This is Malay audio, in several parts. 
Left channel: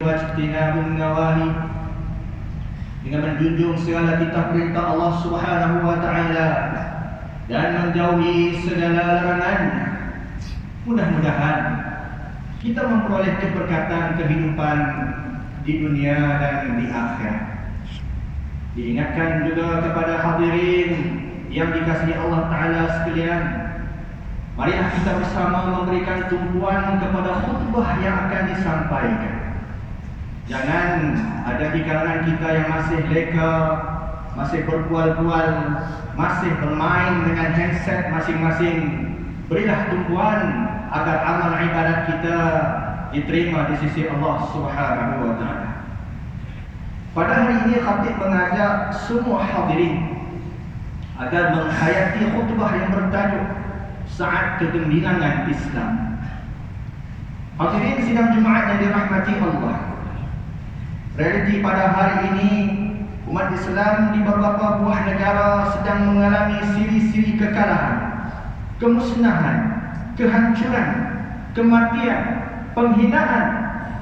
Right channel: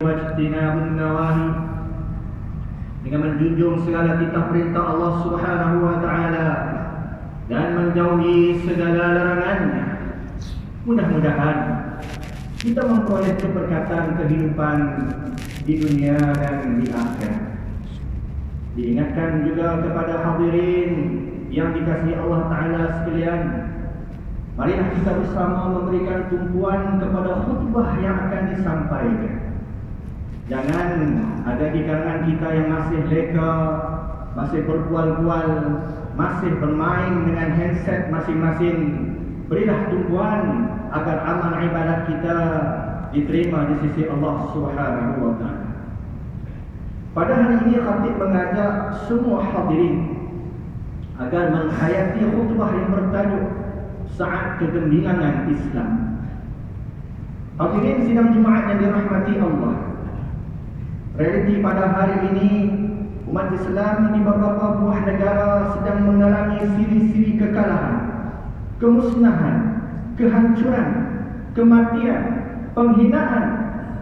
wajtinabun nawahi, dengan menjunjung segala kitab perintah Allah Subhanahu wa taala dan menjauhi segala larangannya. Mudah-mudahan kita memperoleh keberkatan kehidupan di dunia dan di akhirat. Diingatkan juga kepada hadirin yang dikasihi Allah Ta'ala sekalian, marilah kita bersama memberikan tumpuan kepada khutbah yang akan disampaikan. Jangan ada di kalangan kita yang masih leka, masih berbual-bual, masih bermain dengan handset masing-masing. Berilah tumpuan agar amal ibadat kita diterima di sisi Allah Subhanahu wa taala. Pada hari ini khatib mengajak semua hadirin agar menghayati khutbah yang bertajuk Saat Kegemilangan Islam. Hadirin sidang Jumaat yang dirahmati Allah, realiti pada hari ini umat Islam di beberapa buah negara sedang mengalami siri-siri kekalahan, kemusnahan, kehancuran, kematian, penghinaan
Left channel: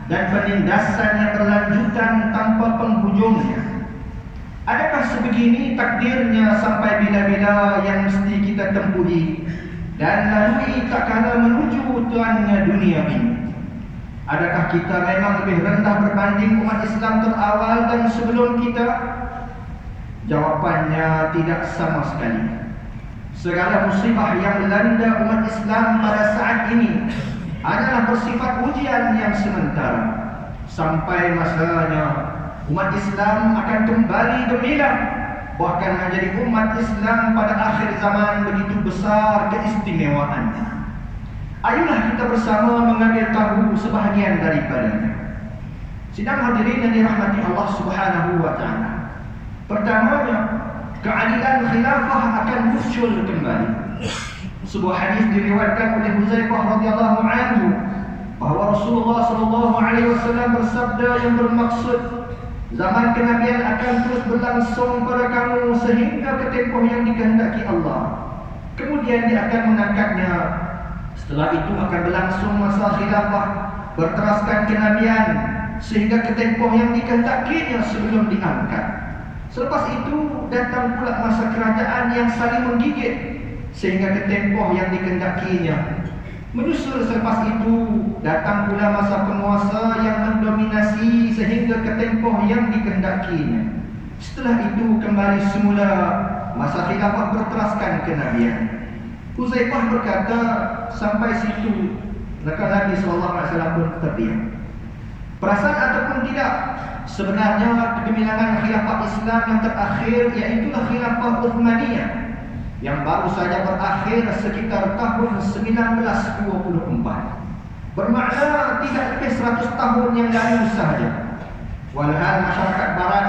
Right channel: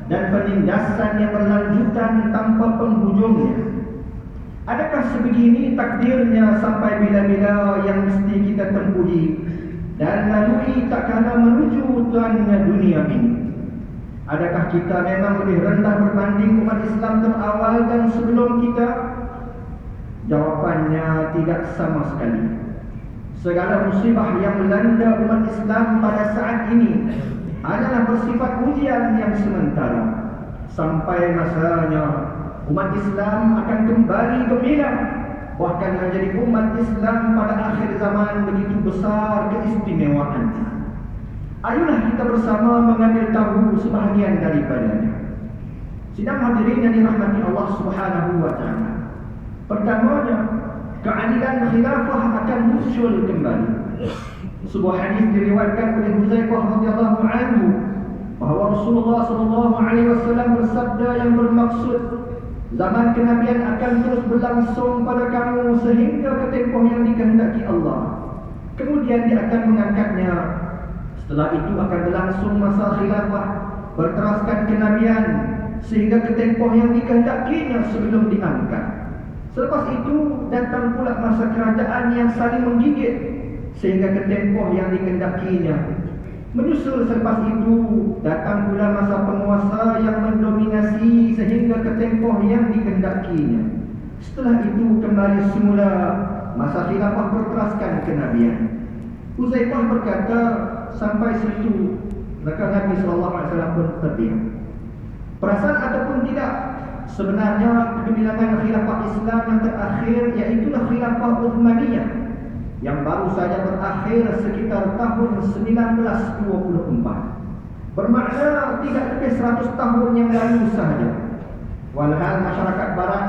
dan penindasan yang berlanjutan tanpa penghujungnya. Adakah sebegini takdirnya sampai bila-bila yang mesti kita tempuhi dan lalui tak kala menuju tuannya dunia ini? Adakah kita memang lebih rendah berbanding umat Islam terawal dan sebelum kita? Jawapannya tidak sama sekali. Segala musibah yang melanda umat Islam pada saat ini adalah bersifat ujian yang sementara. Sampai masanya umat Islam akan kembali gemilang, bahkan menjadi umat Islam pada akhir zaman begitu besar keistimewaannya. Ayolah kita bersama mengambil tahu sebahagian daripadanya. Sidang hadirin yang dirahmati Allah Subhanahu wa taala. Pertamanya, keadilan khilafah akan muncul kembali. Sebuah hadis diriwayatkan oleh Huzaifah radhiyallahu anhu bahawa Rasulullah sallallahu alaihi wasallam bersabda yang bermaksud zaman kenabian akan terus berlangsung pada kamu sehingga ke tempoh yang dikehendaki Allah. Kemudian dia akan mengangkatnya. Setelah itu akan berlangsung masa khilafah, berteraskan kenabian sehingga ke tempoh yang dikehendakinya sebelum diangkat. Selepas itu datang pula masa kerajaan yang saling menggigit sehingga ke tempoh yang dikehendakinya. Menyusul selepas itu datang pula masa penguasa yang mendominasi sehingga ke tempoh yang dikehendakinya. Setelah itu kembali semula masa khilafah berteraskan kenabian. Huzaifah berkata, sampai situ maka Nabi SAW pun terdiam. Perasaan ataupun tidak, sebenarnya kegemilangan khilafah Islam yang terakhir iaitulah khilafah Uthmaniyah yang baru saja berakhir sekitar tahun 1924. Bermakna tidak lebih 100 tahun yang lalu sahaja. Walhal masyarakat barat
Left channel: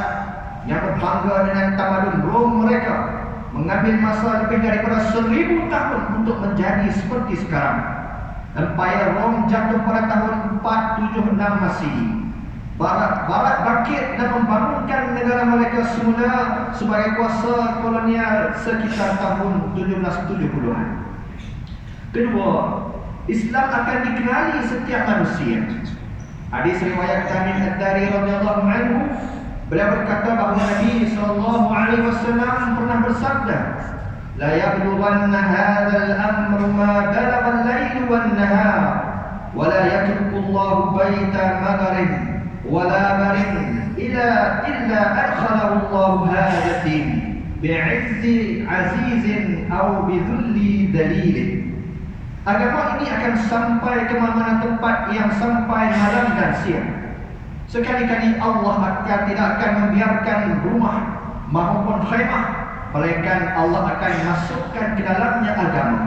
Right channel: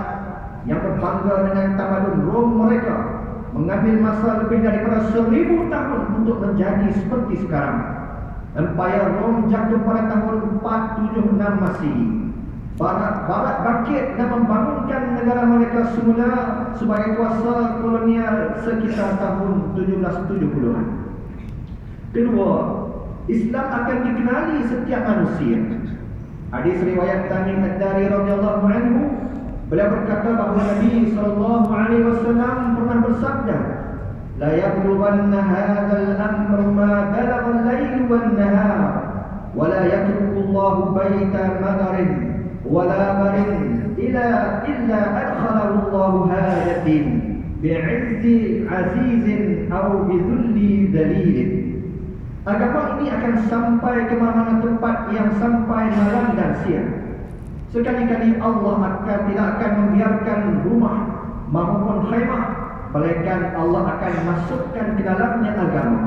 yang berbangga dengan tamadun Rom mereka mengambil masa lebih daripada 1000 tahun untuk menjadi seperti sekarang. Empayar Rom jatuh pada tahun 476 Masehi. Barat bangkit dan membangunkan negara mereka semula sebagai kuasa kolonial sekitar tahun 1770-an. Kedua, Islam akan dikenali setiap manusia. Hadis riwayat Tamim Ad-Dari radhiyallahu anhu, beliau berkata bahawa Nabi sallallahu alaihi wasallam pernah bersabda, la yablughanna hadzal amru ma balagha al-lail wan-nahar wa la yatruku Allahu baita madarin wala marin illa adkhalahu Allahu hadatin bi'izzi azizin aw bidhulli dalilin. Agama ini akan sampai ke mana tempat yang sampai malam dan siang. Sekali-kali Allah tidak akan membiarkan rumah maupun khemah, melainkan Allah akan masukkan ke dalamnya agama,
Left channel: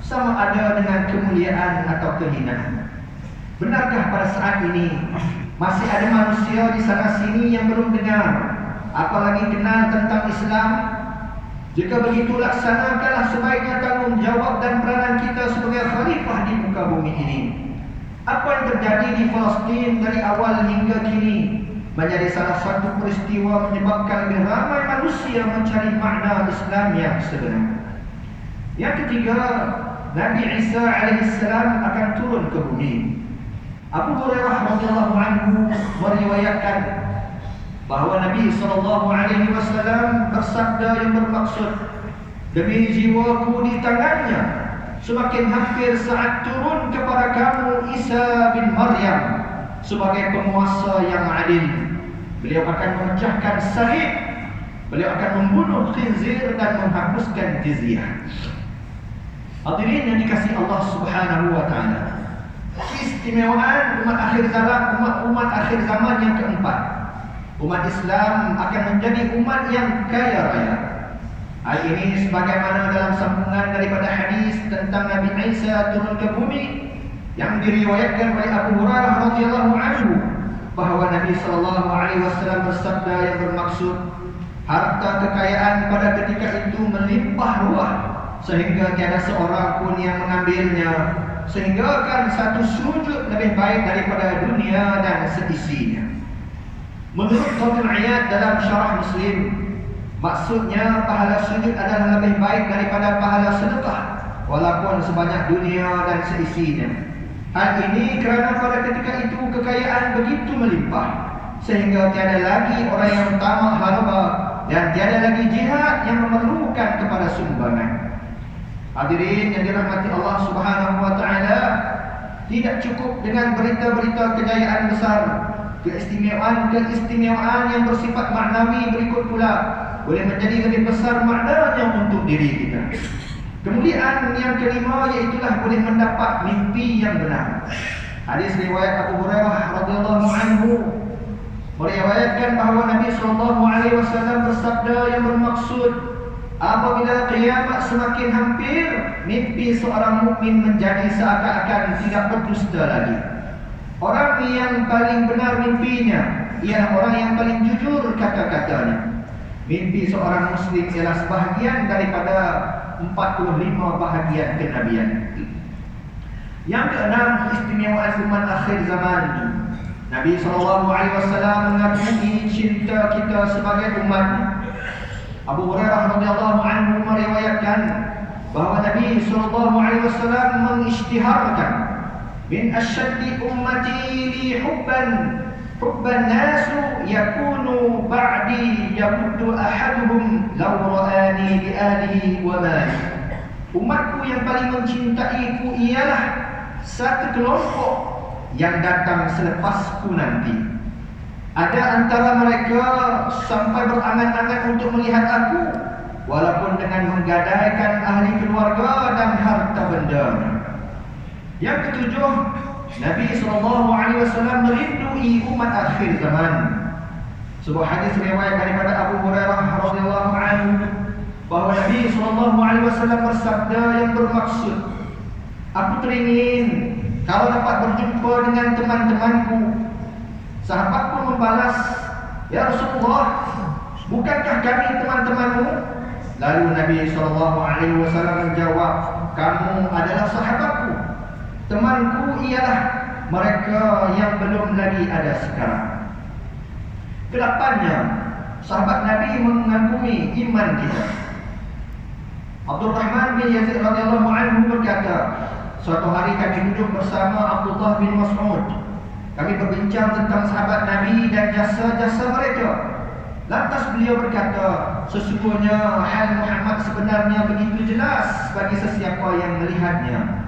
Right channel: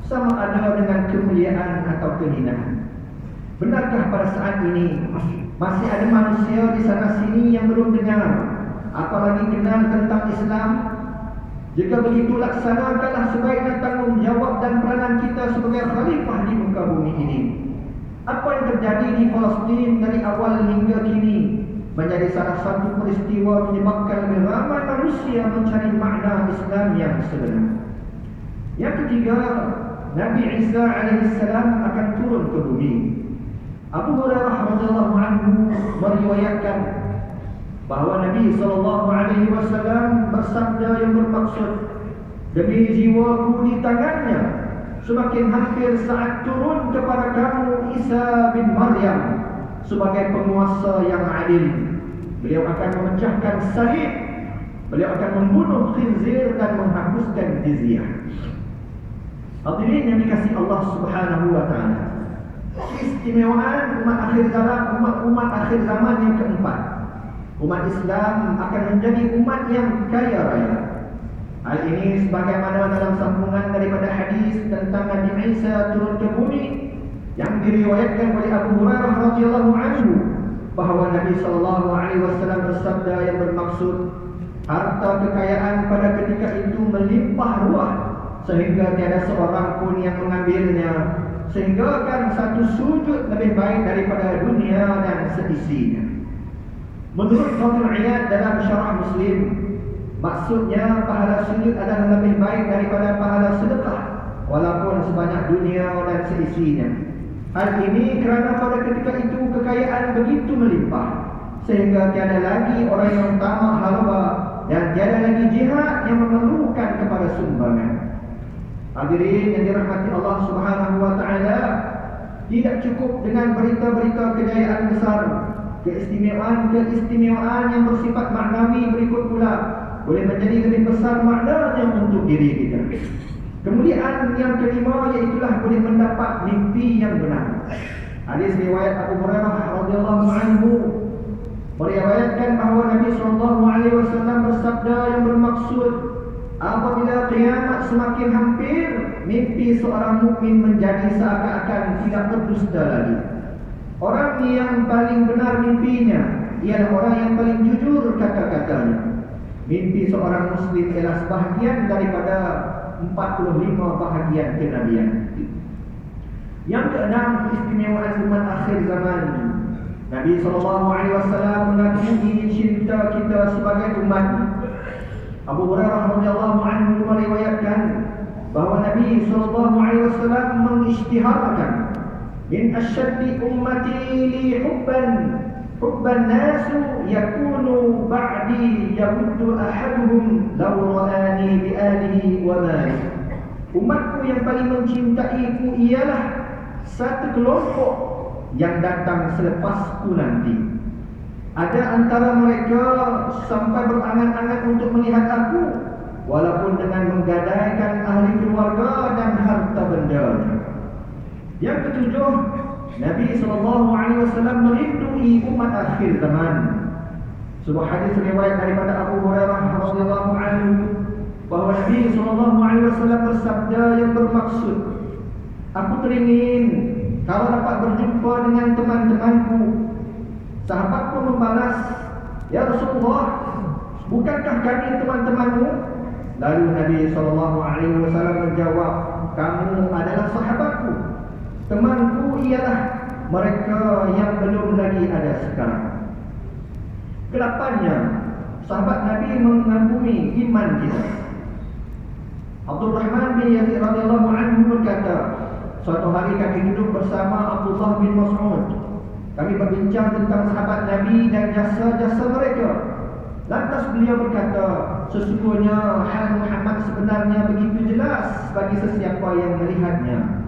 sama ada dengan kemuliaan atau kehinaan. Benarkah pada saat ini masih ada manusia di sana sini yang belum dengar, apalagi kenal tentang Islam? Jika begitu, laksanakanlah sebaiknya tanggungjawab dan peranan kita sebagai khalifah di muka bumi ini. Apa yang terjadi di Palestin dari awal hingga kini menjadi salah satu peristiwa menyebabkan lebih ramai manusia mencari makna Islam yang sebenar. Yang ketiga, Nabi Isa alaihissalam akan turun ke bumi. Abu Hurairah radhiyallahu anhu Nabi SAW bersabda yang bermaksud, demi jiwaku di tangannya, semakin hampir saat turun kepada kamu Isa bin Maryam sebagai penguasa yang adil. Beliau akan memecahkan salib, beliau akan membunuh khinzir dan menghapuskan jizyah. Hadirin yang dikasihi Allah Subhanahu wa taala, keistimewaan umat akhir zaman, umat akhir zaman yang keempat, umat Islam akan menjadi umat yang kaya raya. Hal ini sebagaimana dalam sambungan daripada hadis tentang Nabi Isa turun ke bumi yang diriwayatkan oleh Abu Hurairah radhiyallahu anhu, bahawa Nabi SAW bersabda yang bermaksud, harta kekayaan pada ketika itu melimpah ruah sehingga tiada seorang pun yang mengambilnya, sehingga kan satu sujud lebih baik daripada dunia dan seisinya. Menurut Qadhil Iyad dalam Syarah Muslim, maksudnya pahala sujud adalah lebih baik daripada pahala sedekah walaupun sebanyak dunia dan seisinya. Hal ini kerana pada ketika itu kekayaan begitu melimpah sehingga tiada lagi orang yang tamak harba dan tiada lagi jihad yang memerlukan kepada sumbangan. Hadirin yang dirahmati Allah Subhanahu wa taala, tidak cukup dengan berita-berita kejayaan besar, keistimewaan yang bersifat maknawi berikut pula boleh menjadi lebih besar maknanya untuk diri kita. Kemuliaan yang kelima iaitulah boleh mendapat mimpi yang benar. Hadis riwayat Abu Hurairah radhiyallahu anhu meriwayatkan bahawa Nabi SAW bersabda yang bermaksud, apabila kiamat semakin hampir, mimpi seorang mukmin menjadi seakan-akan tidak berdusta lagi. Orang yang paling benar mimpinya ialah orang yang paling jujur kata-katanya. Mimpi seorang muslim ialah sebahagian daripada 45 bahagian kenabian. Yang keenam, keistimewaan umat akhir zaman. Nabi SAW mengakui cinta kita sebagai umat. Abu Hurairah radhiyallahu anhu meriwayatkan bahawa Nabi SAW mengisytiharkan, min asyaddi ummati li hubban nasu yakunu ba'di yamuddu ahaduhum law ra'ani bi alihi wa mali. Umatku yang paling mencintaiku ialah satu kelompok yang datang selepasku nanti. Ada antara mereka sampai berangan-angan untuk melihat aku, walaupun dengan menggadaikan ahli keluarga dan harta benda. Yang ketujuh, Nabi SAW merindui umat akhir zaman. Sebuah hadis riwayat daripada Abu Hurairah radhiyallahu anhu bahawa Nabi SAW bersabda yang bermaksud, aku teringin kalau dapat berjumpa dengan teman-temanku. Sahabat pun membalas, ya Rasulullah, bukankah kami teman-temanmu? Lalu Nabi SAW menjawab, kamu adalah sahabatku. Temanku ialah mereka yang belum lagi ada sekarang. Kelapannya, sahabat Nabi mengakui iman kita. Abdul Rahman bin Yazid radhiyallahu anhu berkata, suatu hari kami duduk bersama Abdullah bin Mas'ud. Kami berbincang tentang sahabat Nabi dan jasa-jasa mereka. Lantas beliau berkata, sesungguhnya hal Muhammad sebenarnya begitu jelas bagi sesiapa yang melihatnya.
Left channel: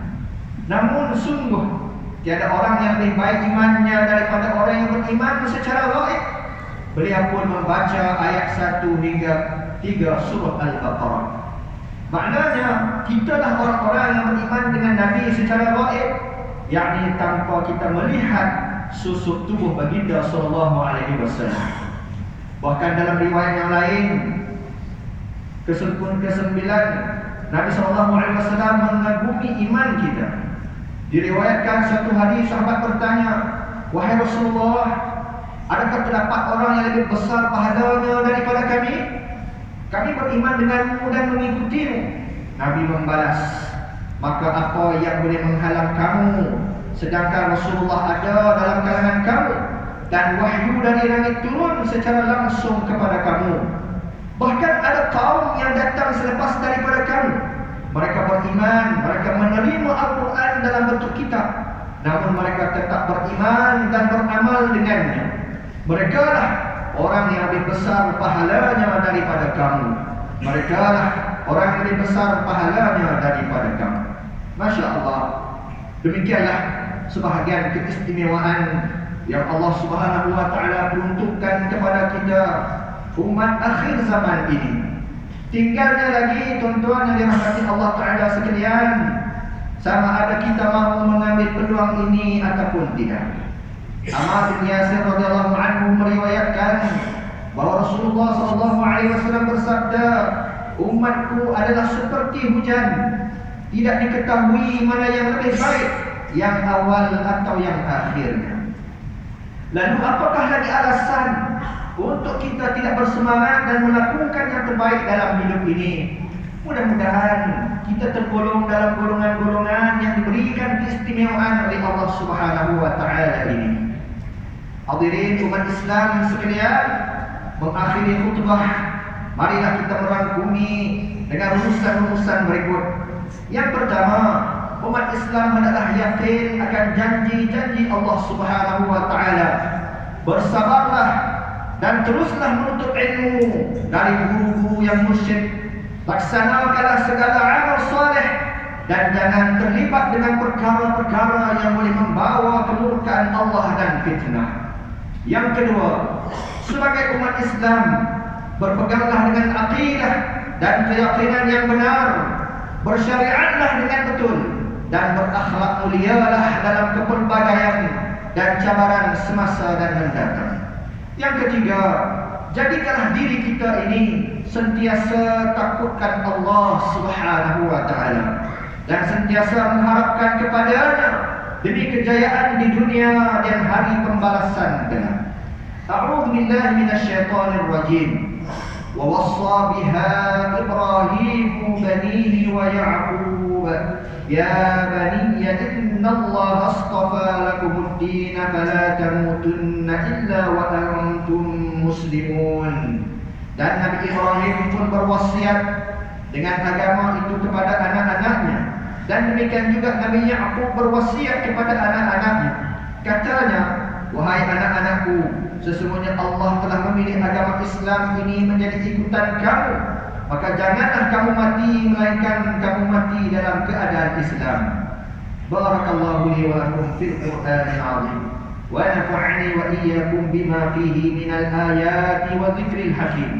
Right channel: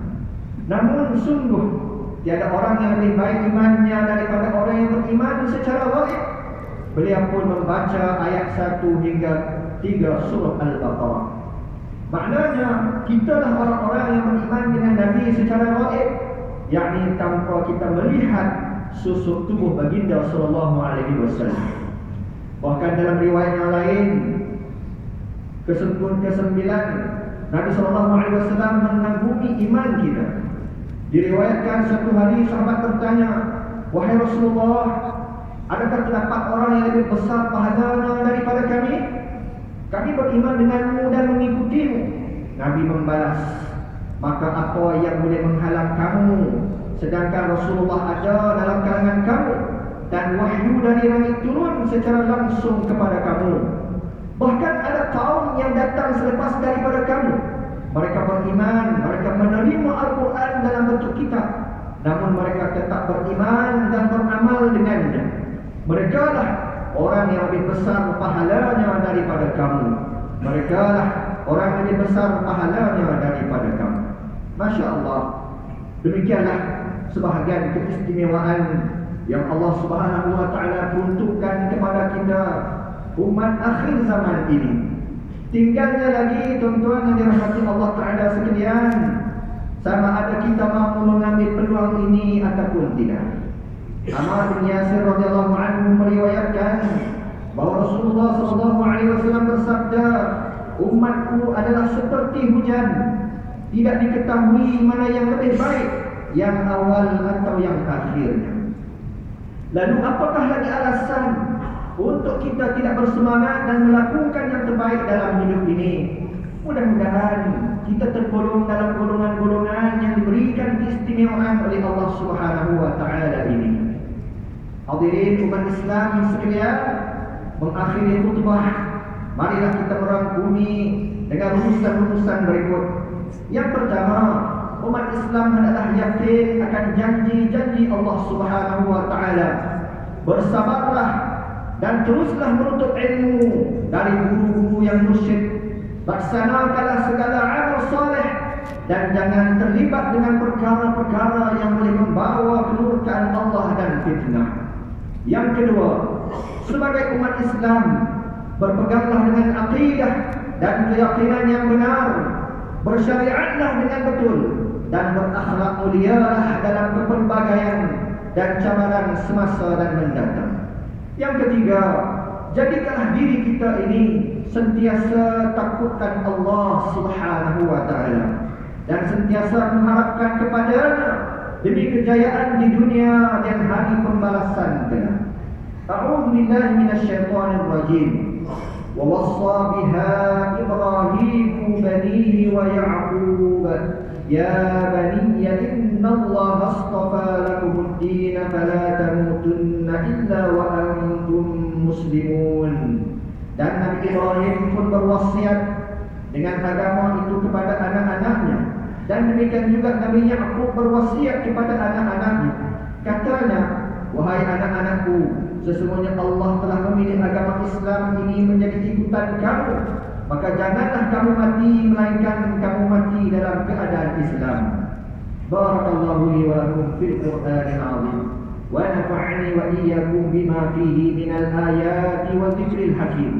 Namun sungguh tiada orang yang lebih baik imannya daripada orang yang beriman secara gaib. Beliau pun membaca ayat 1 hingga 3 surah Al-Baqarah. Maknanya, kitalah orang-orang yang beriman dengan Nabi secara gaib, yakni tanpa kita melihat susuk tubuh baginda SAW. Bahkan dalam riwayat yang lain, ke-9, Nabi SAW mengagumi iman kita. Diriwayatkan satu hari sahabat bertanya, wahai Rasulullah, adakah terdapat orang yang lebih besar pahalanya daripada kami? Kami beriman denganmu dan mengikutimu. Nabi membalas, maka apa yang boleh menghalang kamu sedangkan Rasulullah ada dalam kalangan kamu dan wahyu dari langit turun secara langsung kepada kamu. Bahkan ada kaum yang datang selepas daripada kamu. Mereka beriman, mereka menerima Al-Quran dalam bentuk kitab, namun mereka tetap beriman dan beramal dengannya. Mereka lah orang yang lebih besar pahalanya daripada kamu. Mereka lah orang yang lebih besar pahalanya daripada kamu. Masya Allah. Demikianlah sebahagian keistimewaan yang Allah Subhanahu wa taala peruntukkan kepada kita umat akhir zaman ini. Tinggalnya lagi tuan-tuan yang dirahmati Allah taala sekalian, sama ada kita mahu mengambil peluang ini ataupun tidak. Ammar bin Yasir radhiyallahu anhu meriwayatkan bahawa Rasulullah sallallahu alaihi wasallam bersabda, umatku adalah seperti hujan, tidak diketahui mana yang lebih baik, yang awal atau yang akhirnya. Lalu apakah lagi alasan untuk kita tidak bersemangat dan melakukan yang terbaik dalam hidup ini? Mudah-mudahan kita tergolong dalam golongan-golongan yang diberikan keistimewaan oleh Allah Subhanahu wa taala ini. Hadirin umat Islam sekalian, mengakhiri khutbah, marilah kita merangkumi dengan rumusan-rumusan berikut. Yang pertama, umat Islam hendaklah yakin akan janji-janji Allah Subhanahu wa taala. Bersabarlah dan teruslah menuntut ilmu dari guru-guru yang mursyid. Laksanakanlah segala amal soleh dan jangan terlibat dengan perkara-perkara yang boleh membawa kemurkaan Allah dan fitnah. Yang kedua, sebagai umat Islam, berpeganglah dengan akidah dan keyakinan yang benar, bersyariatlah dengan betul, dan berakhlak mulialah dalam kepelbagaian dan cabaran semasa dan mendatang. Yang ketiga, jadikanlah diri kita ini sentiasa takutkan Allah Subhanahu wa taala dan sentiasa mengharapkan kepadanya demi kejayaan di dunia dan hari pembalasan kelak. A'udzu billahi minasyaitonir rajim. Wa wassa biha Ibrahim banihi wa Ya'qub ya bani innallaha astafa lakumuddin fala tamutunna illa wa antum muslimun. Dan Nabi Ibrahim pun berwasiat dengan agama itu kepada anak-anaknya, dan demikian juga Nabi Ya'qub berwasiat kepada anak-anaknya. Katanya, wahai anak-anakku, sesungguhnya Allah telah memilih agama Islam ini menjadi ikutan kamu, maka janganlah kamu mati melainkan kamu mati dalam keadaan Islam. Barakallahu li wa lakum fil Qur'anil 'azim wa nafa'ani wa iyyakum bima fihi minal ayati wa dzikril hakim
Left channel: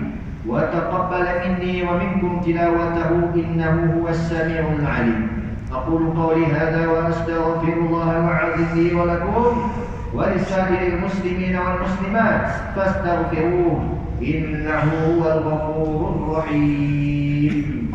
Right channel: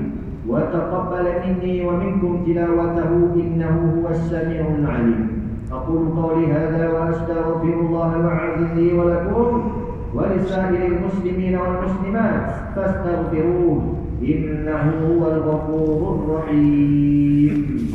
wa taqabbal minni wa minkum tilawatahu innahu huwas samiul 'alim. أقول قولي هذا وأستغفر الله العظيم لي ولكم ولسائر المسلمين والمسلمات فاستغفروه إنه هو الغفور الرحيم.